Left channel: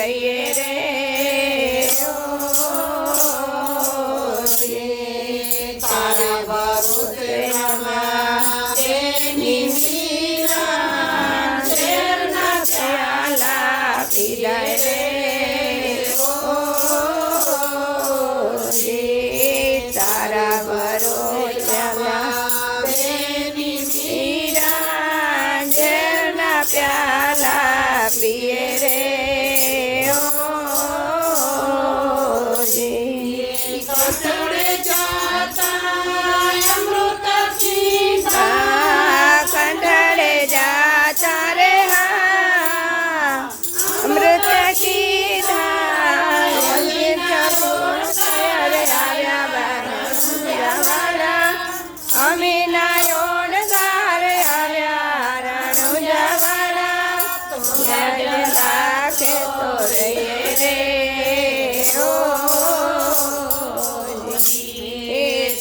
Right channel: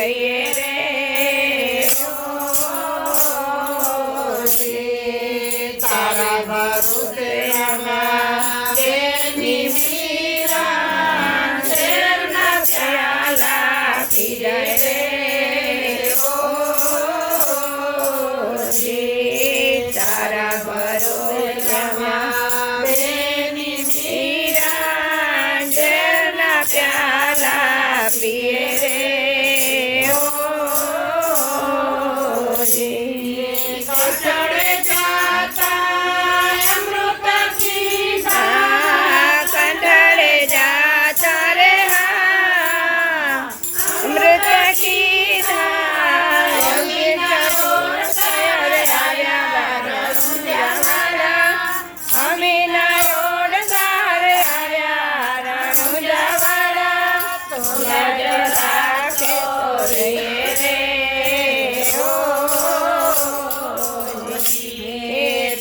રહીએ રે તારા ભરોસે અમારી મીરા ઝેરના પ્યાલા પી જાય રે તારા ભરોસે प्याला पिए रे कंठड़े जाता अमृत की कंठड़े जाता रे हाँ अमृत की अमीना राखे तो रहिए रे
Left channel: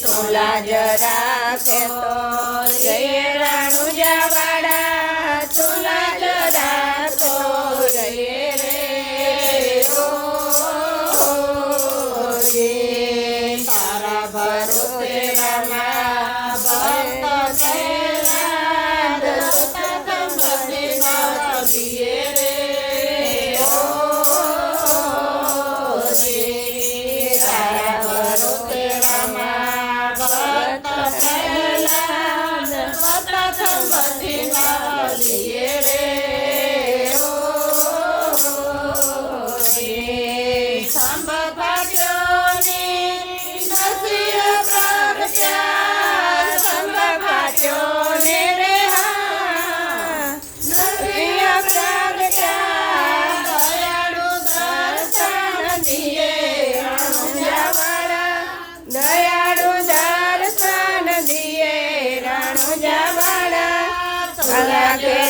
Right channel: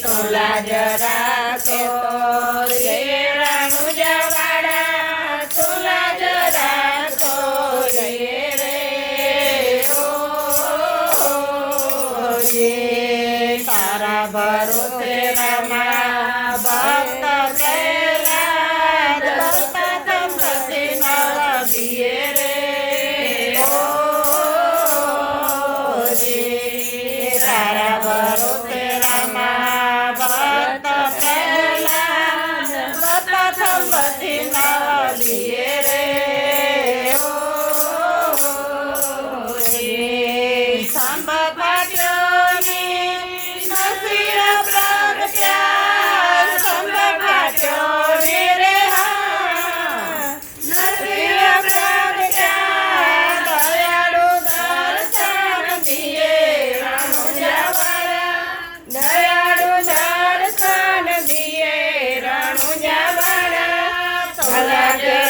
तुला राखे तो रहिए राणुजावाड़ा तुला राखो रहिए रे तारा भरोसे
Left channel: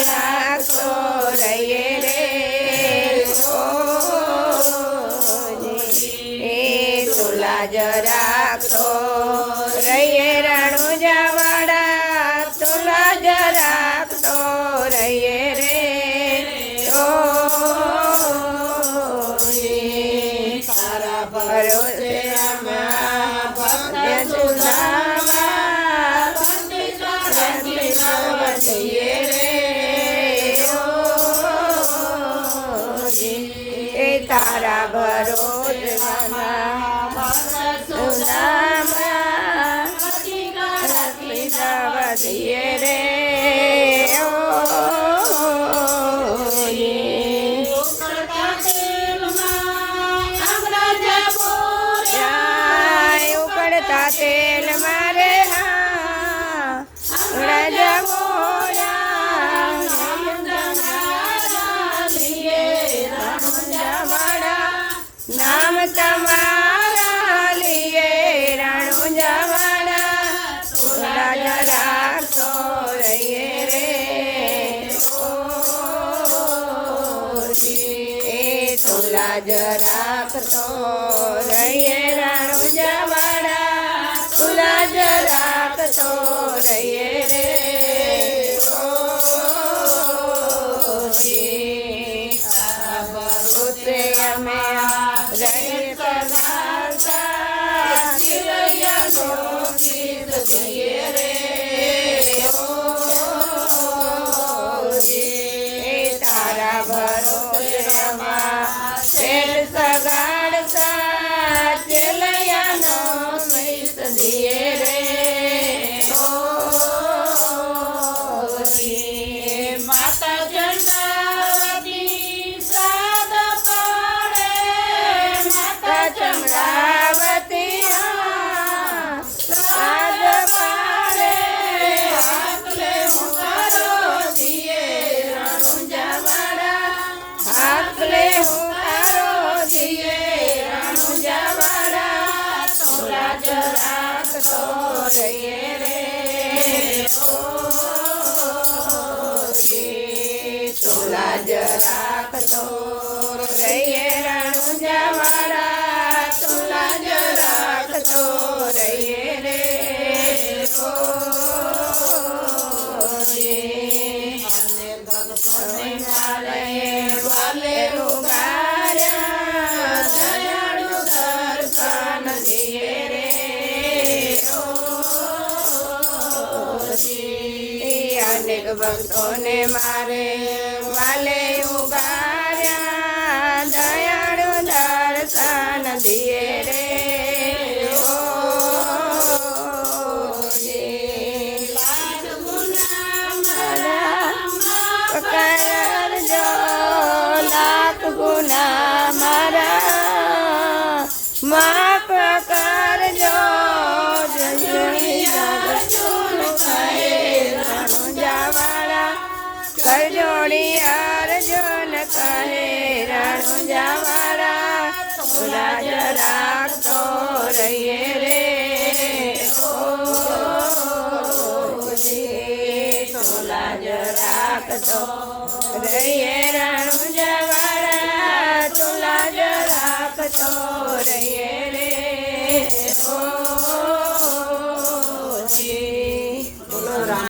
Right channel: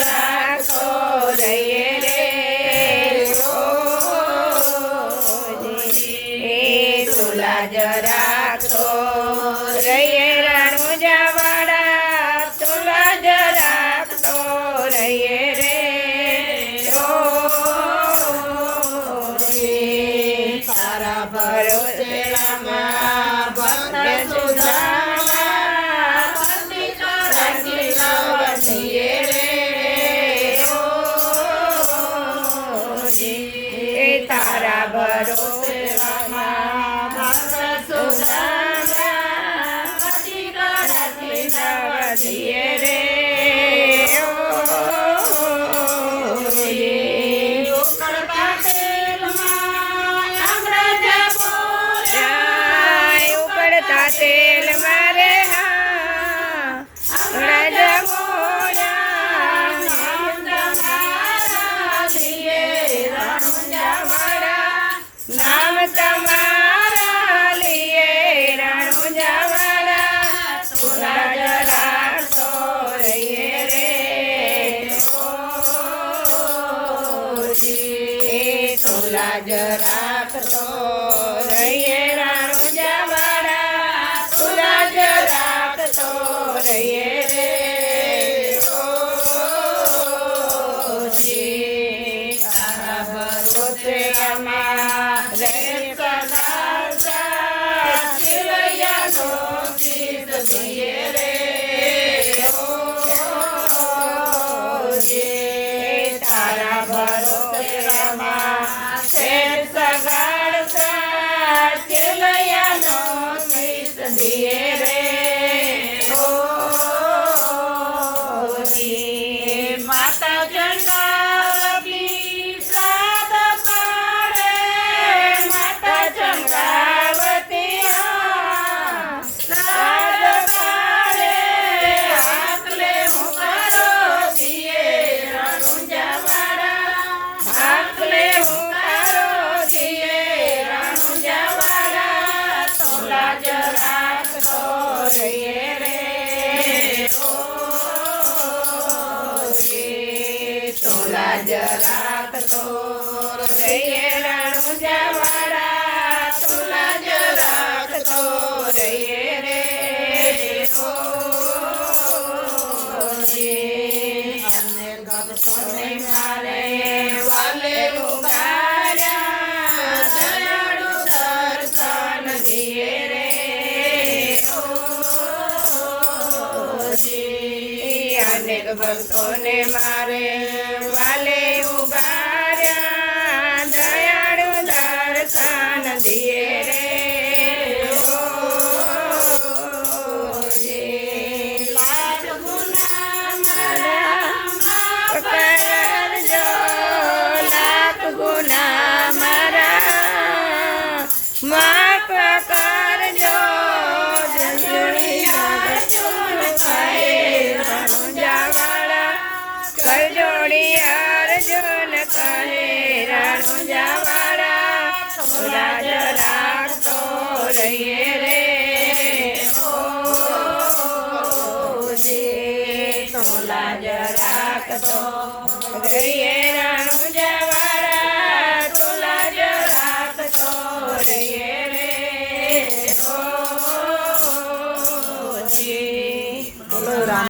राखो रहिए रे तुला राखो रहिए राणुजावाड़ा तुला राखो रहिए रे तारा भरोसे तारा भरोसे वधिए रे उकड़ता तेल मारे हाँ राजा बोला नाम तुम्हारा लिए राणुजावाड़ा तुला राखो रहिए रे तुला राखो रहिए राणुजावाड़ा तुला राखो रहिए रे तारा भरोसे हमें तारा भरोसे सगाड़ सा चलया नो मैस दिए रे माता चंद्रावती साद पाड़े माता चंद्रावती साद पाड़े आकले मुकारो दिए राणुजावाड़ा आकले मुकारो दिए राणुजावाड़ा तुला राखो रहिए रे तुला राखो रहिए राणुजावाड़ा तुला राखो रहिए रे वाले रुगारा ભક્તોને મારે વાલે ઉગાર્યા દયાળુ દર્શન દિએ રે કરજો લાખ ગુના મારા માફ કરજો જાવાળા કરજોડી અર્જુન કહે રણુજાવાળા રાજ રાખતો રહીએ રે લાજ રાખતો રહીએ રણુજાવાળા તું લાજ રાખતો રહીએ